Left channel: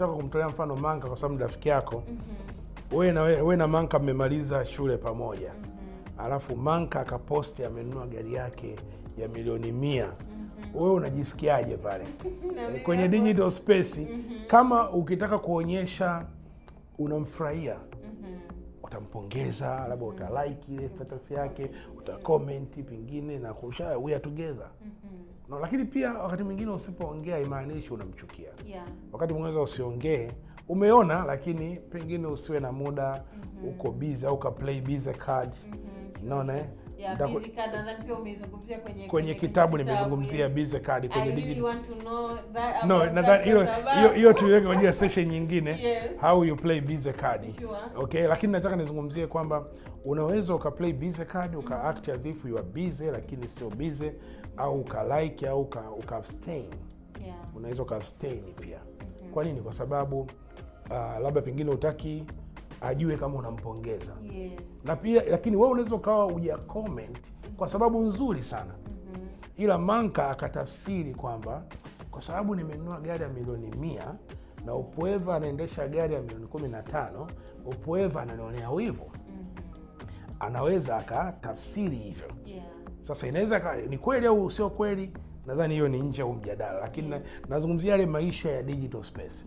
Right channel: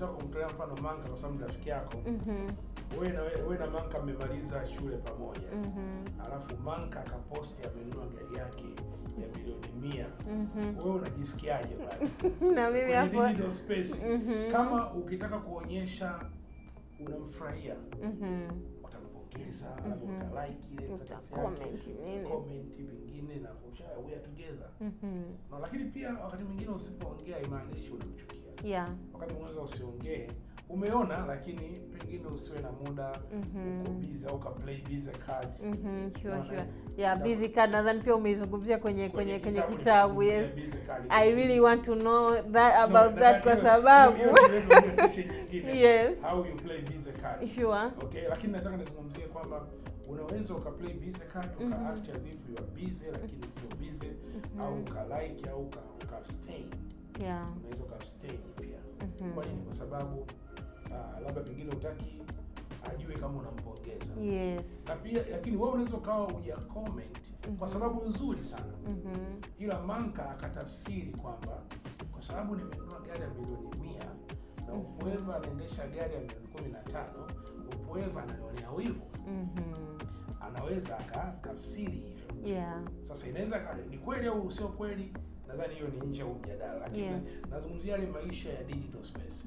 nataka kumtolea mfano Manka kwa sababu rafiki yako. Wewe na Manka mmemaliza shule pamoja. Alafu Manka akaposti amenunua gari yake ya milioni 100. Wewe unajisikiaje pale? Kwenye digital space kama ukitaka kuonyesha unamfurahia, utampongeza, labda utalike ile status yake, utacomment pengine na kusha we are together. No, lakini pia wakati mwingine usipoongea imaanishi unamchukia. Wakati mwingine usiongee, umeona lakini pengine usiwe na muda, uko busy au ka play busy card. Unaona? Busy card nadhani pia umeizungumzia kwenye kitabu nimezungumzia busy card kwenye I really want to know that about that kwa sababu hiyo tuweke kwenye session nyingine. How you play busy card. Okay, lakini nataka nizungumzie kwamba unaweza uka-play busy card, uka-act as if you are busy lakini sio busy, au uka-like au uka-abstain. Unaweza uka-abstain pia. Kwa nini? Kwa sababu labda pengine utaki ajue kama unampongeza. Na pia lakini wewe unaweza ukawa uja comment kwa sababu nzuri sana. Ila Manka akatafsiri kwamba kwa sababu nimenunua gari ya milioni 100 na Upweva anaendesha gari ya milioni 15, Upweva ananionea wivu. Anaweza akatafsiri hivyo. Sasa inaweza ni kweli au sio kweli, nadhani hiyo ni nje ya mjadala, lakini nazungumzia yale maisha ya digital space.